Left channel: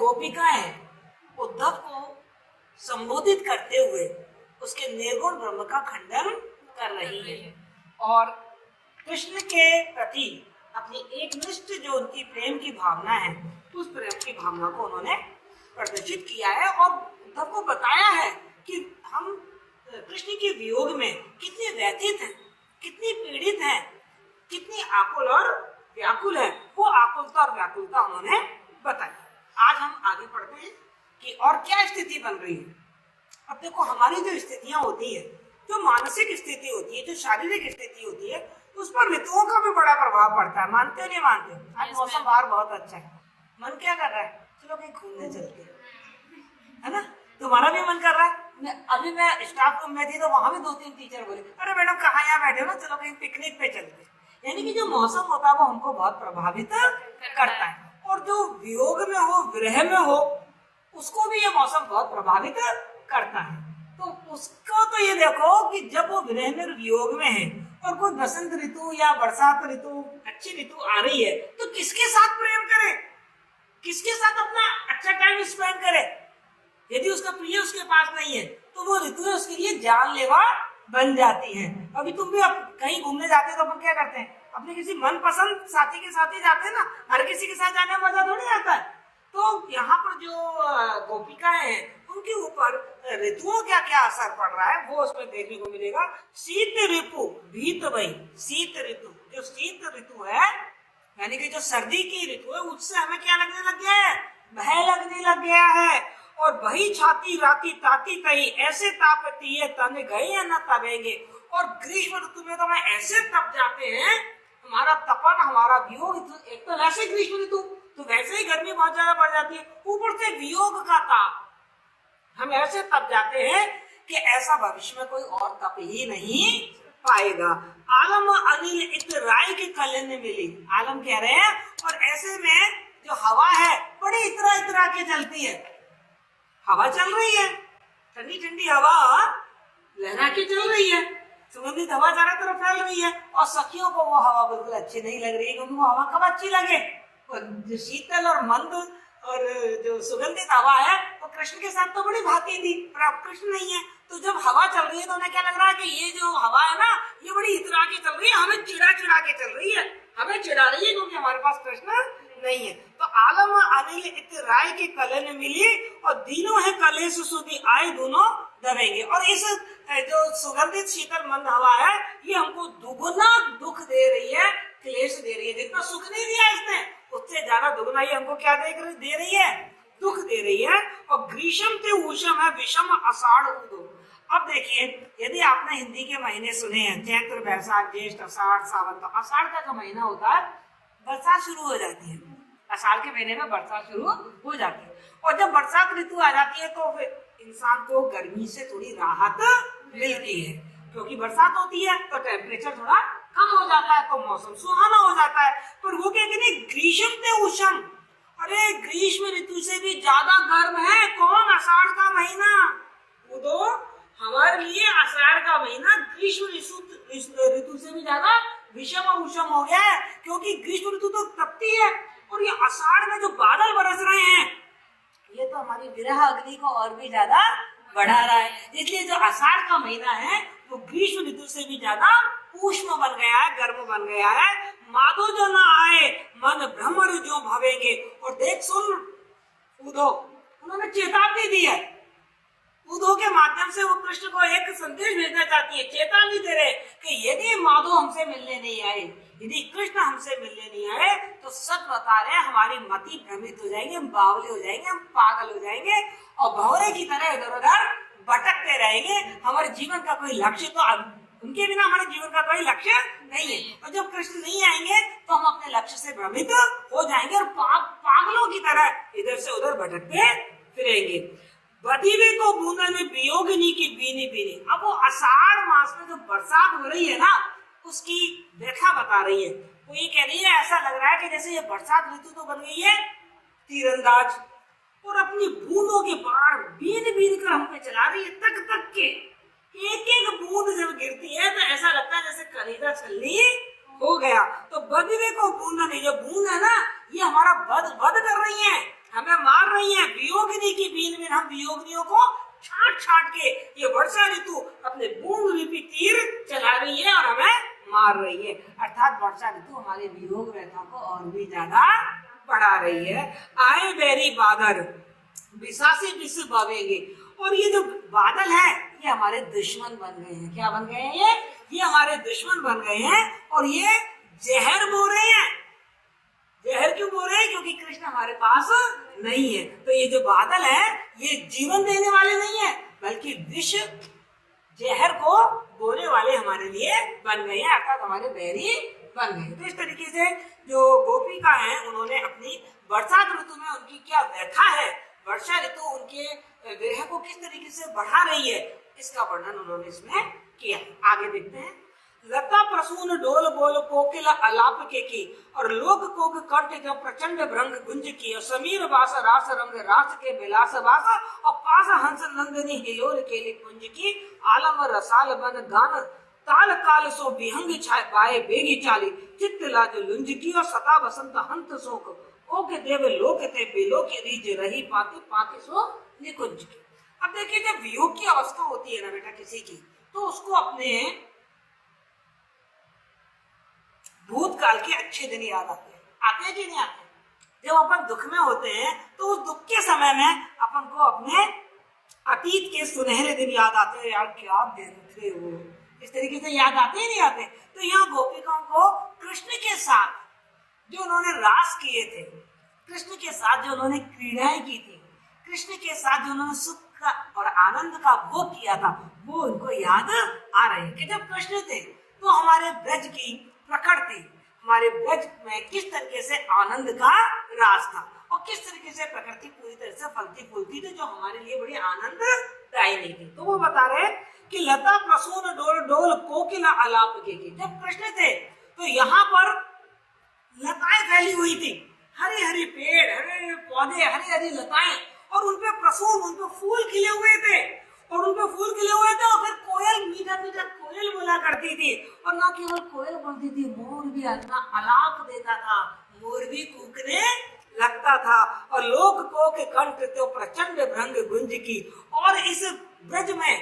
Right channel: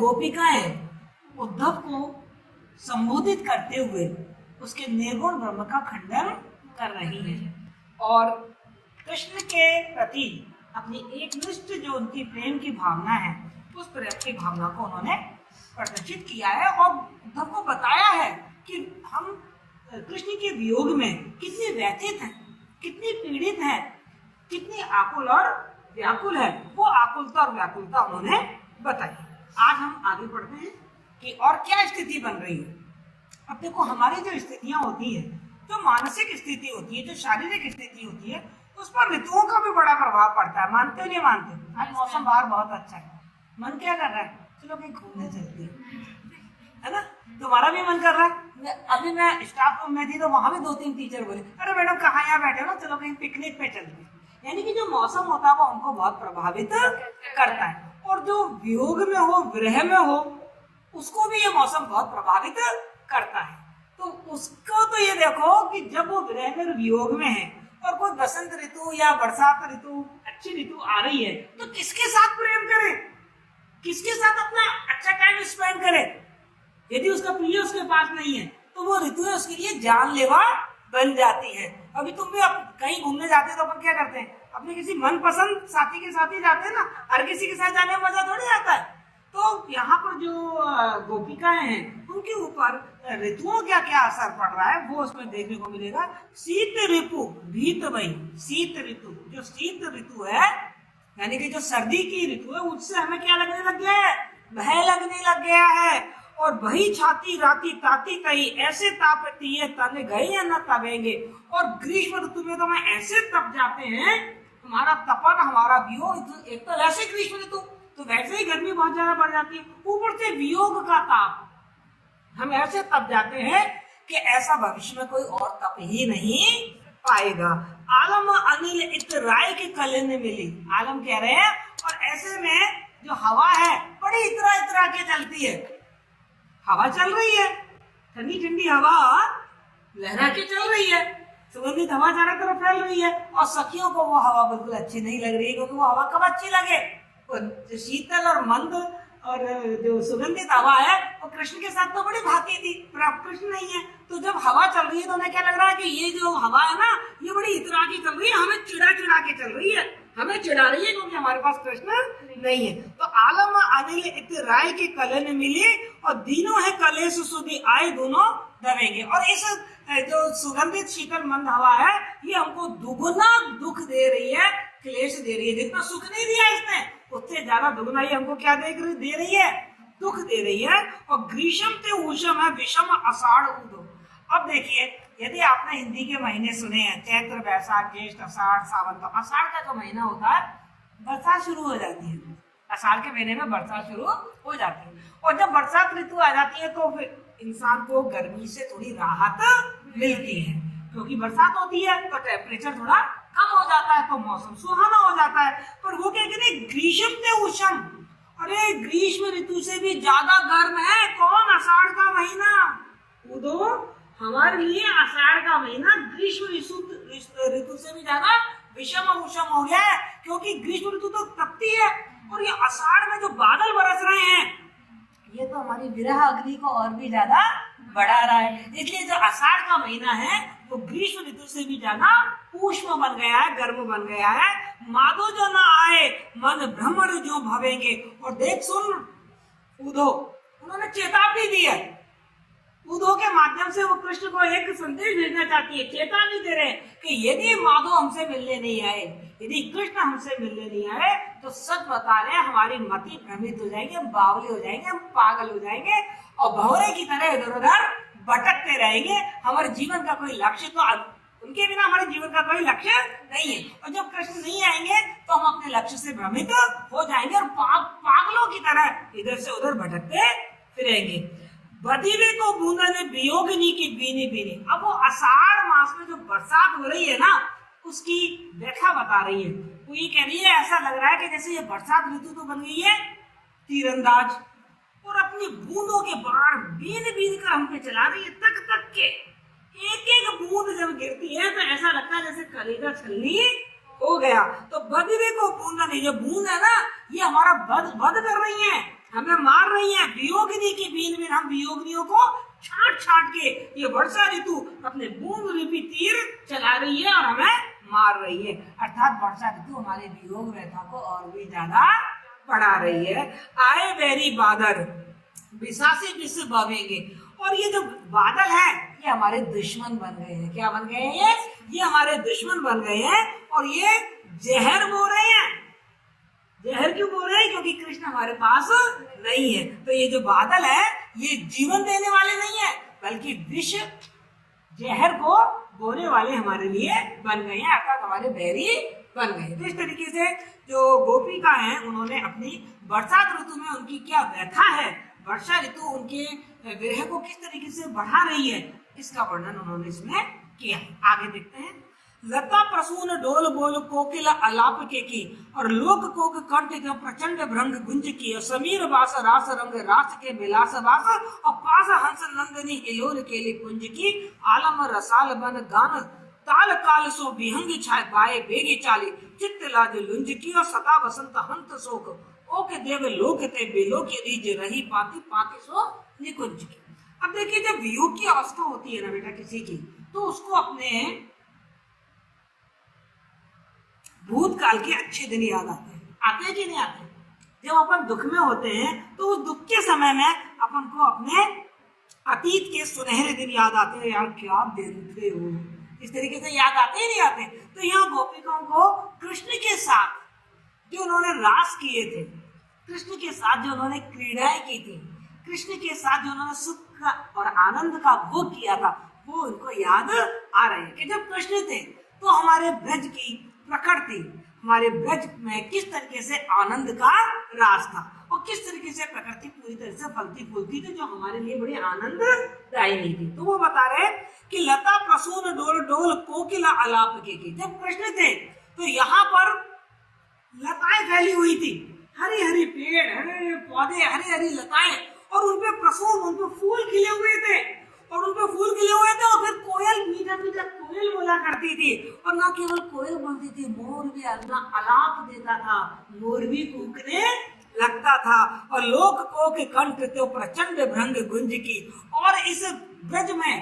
गोपिकाएं उद्धव को संबोधित करते हुए उसके निर्गुण ब्रह्म का खंडन कर रही है और कृष्ण के प्रति अपनी एकनिष्ठ जो उनकी प्रेम की भावना है उस प्रेम की भावना को उन्होंने प्रदर्शित किया है और उद्धव को बताया है कि हम कृष्ण के वियोग में कितने व्यथित हैं, कितनी पीड़ित हैं, कितनी आकुल और व्याकुल है। वो आकुलता और व्याकुलता उन्होंने बताई। आज हम आगे बढ़ते हैं कि और क्या स्थिति बन रही है। अब देखो, हमारी जो स्थितियां होती है, जो मानसिक स्थिति होती है, जो शारीरिक स्थिति होती है, उस पर ऋतुओं का भी बड़ा प्रभाव पड़ता है। मानते हो नहीं मानते? आज मौसम बाहर बहुत अच्छा है, मन क्या कर रहा है, चलो कहीं घूमने चलते हैं, है ना? तुम्हारा भी मन कर रहा है। अभी मैं स्टाफ रूम में थी तो वहां भी 2-3 टीचर बोले, अरे मैडम कहाँ यहाँ बैठे हो ना, चलो कहीं पिकनिक पे चलते हैं। यानी कि जो मौसम होता है वो हमको बहुत प्रभावित करता है और जो वियोग में हो, विरह में हो, उसको भी ये मौसम बहुत प्रभावित करता है। तो उसको तो ये देखो कि जब वो विरह में वियोग में है और कोई बसंत ऋतु या बरसात ऋतु, अच्छी ऋतु आ रही है, तो किसके साथ प्रेम करे, किसके साथ अपना अच्छा टाइम स्पेंड करे? यदि उसका प्रिय उसके पास नहीं है तो वो ऋतु उसके लिए जानलेवा बन जाती है। अभी तुम भी कहीं घूमने जाते हो तो अपन क्या करते हैं, अपने किसी मनपसंद साथी के साथ ही जाते हैं ना, हर किसी के साथ जाने में मजा थोड़ी आता है। तो यहाँ पर जो गोपिकाएं हैं उनके ऊपर ऋतुओं का क्या असर पड़ रहा है वो उसमें देखने को मिलेगा। शीत ऋतु भीत वही, शीत ऋतु, जो शीत ऋतु है यानी कि जो सर्दी की ऋतु है, उससे हमें क्या लगने लग गया है, भय लगने लग गया है। और वही छाती राती ताती कहीं ऐसे तापती है, तने गए या न तबेंगे। और ग्रीष्म ऋतु में तो हम ऐसे तप जाते हैं, हमारा तपन, हमारा वियोग, एक तो ऐसे ग्रीष्म ऋतु तो वैसे ही गर्मी बहुत ज्यादा बढ़ जाती है, ऊपर से वियोग का ताप, हम ऐसे तप जाते हैं कि ऐसा भविष्य में कोई और तप ही नहीं पाएगा। आलम अनिल इत राय के कले में मिली, आलम कह रहे हैं। और ऐसे में जो हवा है बड़ी इतरा इतरा के चलती है, हवा चल रही है, ठंडी ठंडी हवा लहरा के चल रही है, सुगंधित हवा चारों तरफ फैल रही है और सखियों को वो हवा बिल्कुल अच्छी नहीं लग रही है, क्योंकि वो हवा कब अच्छी लगे, जो शीतल और मंद और जो सुगंधित हवा है तो कृष्ण के साथ तो बड़ी भाती थी, पर अब कृष्ण नहीं है। तो जब हवा चल रही है तो उन्हें क्या लग रहा है कि ये जो हवा है ना, ये बड़ी इतरा के चल रही है, हमें चिड़ा चिड़ा के चल रही है, हमें चिढ़ा रही है, क्योंकि हमारे पास कृष्ण नहीं है। तो आलम अनिल इत राय के कले में मिली और तीनों है कलेश सुधी आए, दोनों दबेंगे। और इस जो सुगंधित शीतल मंद हवा है, ये हमको दुगुना दुख दे रही है, क्लेश दे रही है। जितना सुख नहीं दिया इसने, उससे ज्यादा दुगुना ही हमको क्या दे रही है, दुख दे रही है। और ग्रीष्म ते ऊषम है विषम आषाढ़ उदो। अब देखिए, यदि आपने हिंदी के महीने सुने हैं, चैत्र बैसाख ज्येष्ठ आषाढ़ सावन, तो आषाढ़ का जो महीना होता है बरसात शुरू हो जाती है, आषाढ़ के महीने में बरसात शुरू हो जाती है। और जब बरसात ऋतु आ जाती है तो फिर इंसान को गर्मी से थोड़ी राहत मिलती है, क्योंकि बरसात होती है तो टेम्परेचर थोड़ा कम हो जाता है, तो मौसम सुहाना हो जाता है। पर वो क्या कहते हैं, ग्रीष्म ते उष्ण, अरे ग्रीष्म ऋतु से भी ज्यादा गर्म है कौन, आषाढ़ का महीना। वो हमारे लिए आषाढ़ का महीना ग्रीष्म ऋतु से भी ज्यादा विषम और उष्ण हो गया है, क्योंकि ग्रीष्म ऋतु तो तपती है और ये आषाढ़ में जो बादल बरस रहे हैं, ये तो हमारी विरह अग्नि को और भी ज्यादा बढ़ा रहा है। इसलिए जो आषाढ़ का महीना है वो ग्रीष्म ऋतु से भी ज्यादा उष्ण बन गया है, गर्म बन गया है। माधो जो न आए मन भ्रमर जो भवेंगे। और देख सुन उद्धव, उन्होंने चेतावनी दी है, उद्धव के माध्यम से वो कृष्ण को एक संदेश भेजना चाहती है, चेतावनी दे रहे कि यदि माधव हमसे मिलने नहीं आए, यदि कृष्ण हमसे मिलने नहीं आए, तो सच बता रहे हैं हमारी मति भ्रमित हो जाएगी, हम बावले हो जाएंगे, हम पागल हो जाएंगे और भौरे की तरह इधर उधर भटकते रहेंगे। हमारे जीवन का कोई लक्ष्य तो, उनके बिना हमारे जीवन का कोई लक्ष्य नहीं है। और जब कृष्ण नहीं आएंगे तो हम अपने लक्ष्य से भ्रमित हो जाएंगे और पागलों की तरह इधर से उधर भटकते फिरेंगे। बदीवी को बूंदा ने वियोगिनी की बीनी बीनी। अब वो आषाढ़ मास में जो बरसात हो रही है ना, उसकी व्याख्या बता रही है। वो ये कह रही है, ऐसा लग रहा है कि जैसे ये बरसात ऋतु तो बन गई है तीरंदाज, और अपनी बूंदों के बाढ़ बीन बीन कर हम पे चला रही है, तक तक के एक एक बूंद जब गिरती है तो ऐसा लगता है जैसे कलेजा छलनी हो गया। तो बदीवी को बूंदा नहीं, जो बूंद है ना, ये हमारा वध कर रही है, हमें मार रही है। वियोगिनी की बीन में हम वियोगिनियों को छाट छाट के ये वर्षा ऋतु अपने बूंद रूपी तीर चला रही है और हमें मार रही है। अर्थात वर्षा ऋतु हमारे वियोग व्यथा को और भी ज्यादा बढ़ा रही है। आए बेरी बादल विशासी विष बहेंगे, और ये जो बादल है ये हमारे दुश्मन बन गए हैं। क्या बन गए हैं? ये हमारे दुश्मन बन गए हैं और ये जहर बो रहे हैं। जहर क्यों बोल रहे हैं? क्योंकि कृष्ण हमारे पास नहीं है। तो ये जो बादल है ये जीवन देने वाले नहीं है, बल्कि विष जहर को बोने वाले हमारे लिए बन गए हैं, अर्थात हमारे बैरी बन गए। तो इस तरीके से जो गोपिका है उन्होंने अपनी बरसात ऋतु में उनकी क्या व्यथा है, वर्षा ऋतु उनके विरह को किस तरीके से बढ़ा रही है, इसका वर्णन उन्होंने इसमें किया। आगे देखते हैं। लता प्रसून डोल बोल कोकिला अलाप के की, और लोक कोक कंठ के प्रचंड भ्रंग गुंज की, और समीर वास रास रंग रास के विलास वास, और पास हंस नंदिनी हिलोर केली कुंज की, आलम रसाल बन गान ताल काल सो विहंग छाय बाए बेगी चाली, चित्त लाज लुंज की, और सता बसंत हंत शोक, ओके देव लोक ते बेलो के रीज रही पाती पाती सो निकुंज की। अब देखिए जब वियोग की अवस्था होती है ना बेटा किसी की, तो उसको अपने भूतकाल के अच्छे दिन याद आते हैं कि नहीं आते? जब अपन दुख में होते हैं तो उस दुख के समय में अपन को अपने अतीत के सुनहरे दिन याद आते हैं। यार क्या दिन थे वो, इस तरीके से याद आते ही नहीं आते। तो यहाँ गोपिकाओं को कृष्ण के साथ जो उन्होंने रास किए थे, कृष्ण के साथ जो उन्होंने क्रीड़ाएं की थी, कृष्ण के साथ जो उन्होंने सुख और आनंद का भोग किया था, वो उनको याद आ रहे हैं कि जब कृष्ण थे तो हमारे ब्रज की प्रकृति, हमारे ब्रज में किस तरीके से आनंद का रास था और किस तरीके से प्रकृति पूरी तरह से फलती फूलती थी, जो हमारे लिए बड़ी आनंददायी थी। तो वो बता रहे कि लता प्रसून डोल डोल कोकिला अलाप के की, जब कृष्ण थे तो यहाँ पर लताएं फैली हुई थी, हरे हरे पेड़, हरे हरे पौधे, हरी हरी लताएं, और उनपे प्रसून, उनपे फूल खिले हुए थे, और उनपे फूल खिले हुए थे। और फिर कोयल, मीठा मीठा कोयल बोला करती थी, और न केवल कोयल बोलती थी, मोर भी अपना अलाप देता था, मोर भी कूकने लगता था, और लोक को के कंठ तो प्रचंड भ्रंग गुंज की। और इस ब्रज में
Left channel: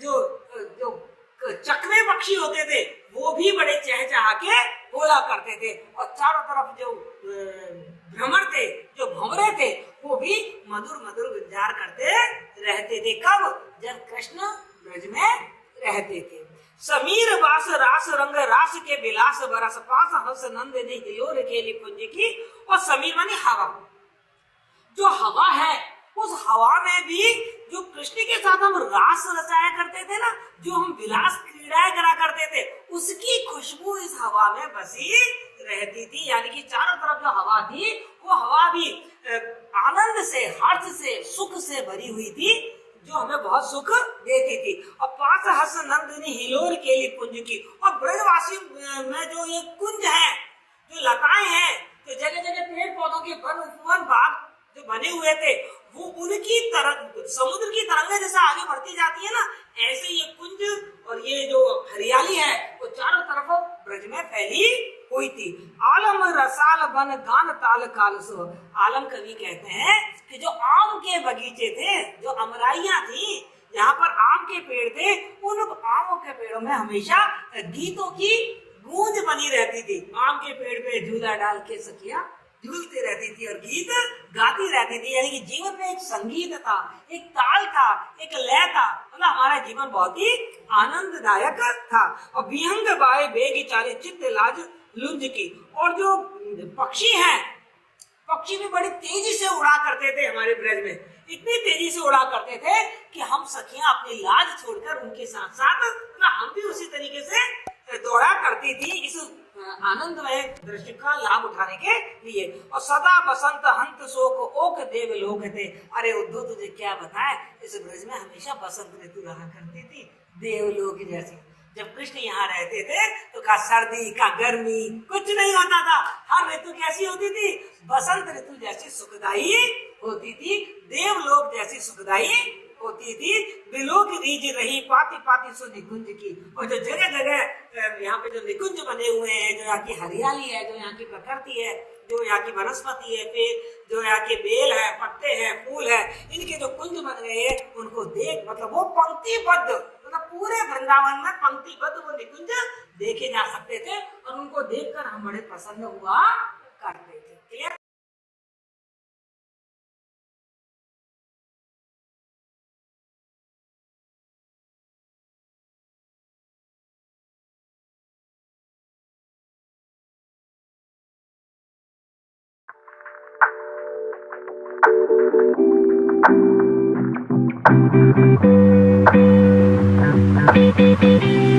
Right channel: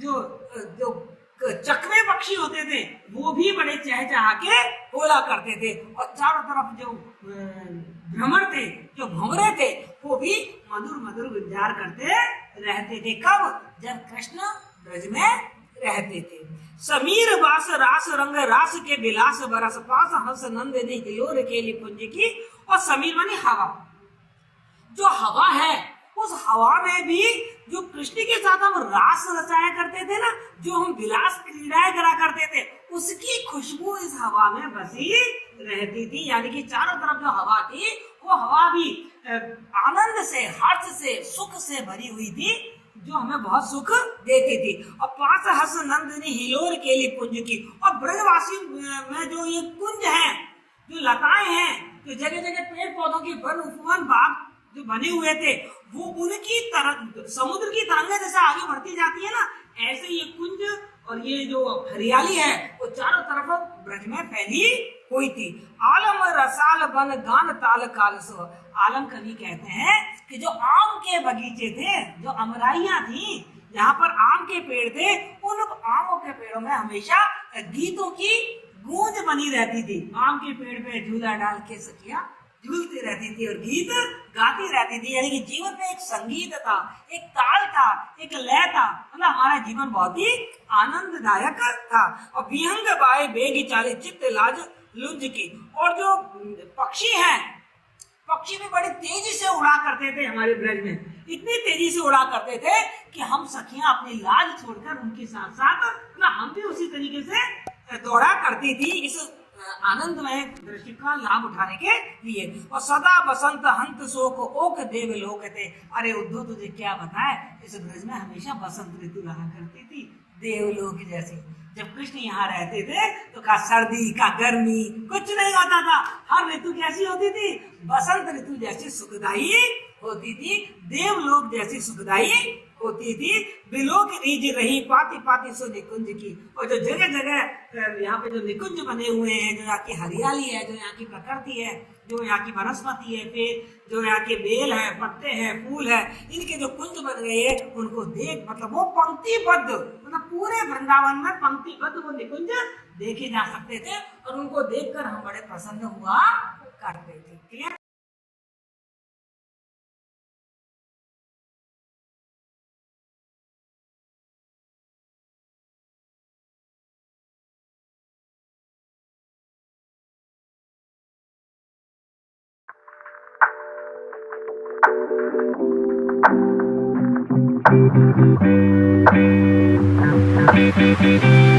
जो चकवे पक्षी होते थे वो भी बड़े चहचहा के बोला करते थे, और चारों तरफ जो भ्रमर थे, जो भंवरे थे, वो भी मधुर मधुर गुंजार करते रहते थे। कब? जब कृष्ण ब्रज में रहते थे। समीर वास रास रंग रास के विलास बरस, पास हंस नंदिनी हिलोर केली कुंज की। और समीर मानी हवा, जो हवा है उस हवा में भी जो कृष्ण के साथ हम रास रचाया करते थे ना, जो हम विलास क्रीड़ाएं करा करते थे, उसकी खुशबू इस हवा में बसी रहती थी। यानी कि चारों तरफ जो हवा थी वो हवा भी आनंद से, हर्ष से, सुख से भरी हुई थी, जो हमें बहुत सुख देती थी। और पास हंस नंदिनी हिलोर केली कुंज की, और ब्रजवासी में जो ये कुंज है, जो लताएं हैं, जो जगह जगह पेड़ पौधों के वन उपवन बाग जो बने हुए थे, वो उनकी तरह समुद्र की तरंगें जैसे आगे बढ़ती जाती है ना, ऐसे ये कुंज और ये जो हरियाली है वो चारों तरफ ब्रज में फैली हुई थी। आलम रसाल बन गान ताल काल सो, आलम कवि कहते हैं कि जो आम के बगीचे थे, जो अमराइयां थी, जहाँ पर आम के पेड़ थे, उन आमों के पेड़ों में हमेशा गीतों की गूंज बनी रहती थी। आम के पेड़ पे झूला डाल के सखिया झूलती रहती थी और गीत गाती रहती थी। यानी कि जीवन में एक संगीत था, एक ताल था, एक लय था, मतलब हमारा जीवन बहुत ही आनंददायक था। और विहंग बाए बेगी चाली, चित्त लाज लुंज की। और जो पक्षी हैं, पक्षी भी बड़े तेजी से उड़ा करते थे हमारे ब्रज में, इतनी तेजी से उड़ा करते थे कि हम सखियां अपनी लाज छोड़कर उनके साथ साथ हम भी उसी तरीके से दौड़ा करती थी, इस आनंदमय दृश्य का लाभ उठाने के लिए। और सदा बसंत हंत शोक ओक देव लोक थे। अरे उद्धव तुझे क्या बताए, इस ब्रज में हमेशा बसंत ऋतु रहा करती थी, देवलोक जैसी। जब कृष्ण यहाँ रहते थे तो का सर्दी का गर्मी कुछ नहीं होता था, हर ऋतु कैसी होती थी, बसंत ऋतु जैसी सुखदायी होती थी, देवलोक जैसी सुखदायी होती थी। बिलोक रीज रही पाती पाती सो निकुंज की। और जो जगह जगह यहाँ पे जो निकुंज बने हुए हैं, जो यहाँ की हरियाली है, जो यहाँ की प्रकृति है, जो यहाँ की वनस्पति है, पेड़, जो यहाँ के बेल है, पत्ते हैं, फूल है, इनके जो कुंज बन गए हैं, उनको देख, मतलब वो पंक्तिबद्ध, मतलब पूरे वृंदावन में पंक्तिबद्ध वो निकुंज देखे जा सकते थे और उनको देखकर हम बड़े प्रसन्न हुआ करते थे। क्लियर? Thank you.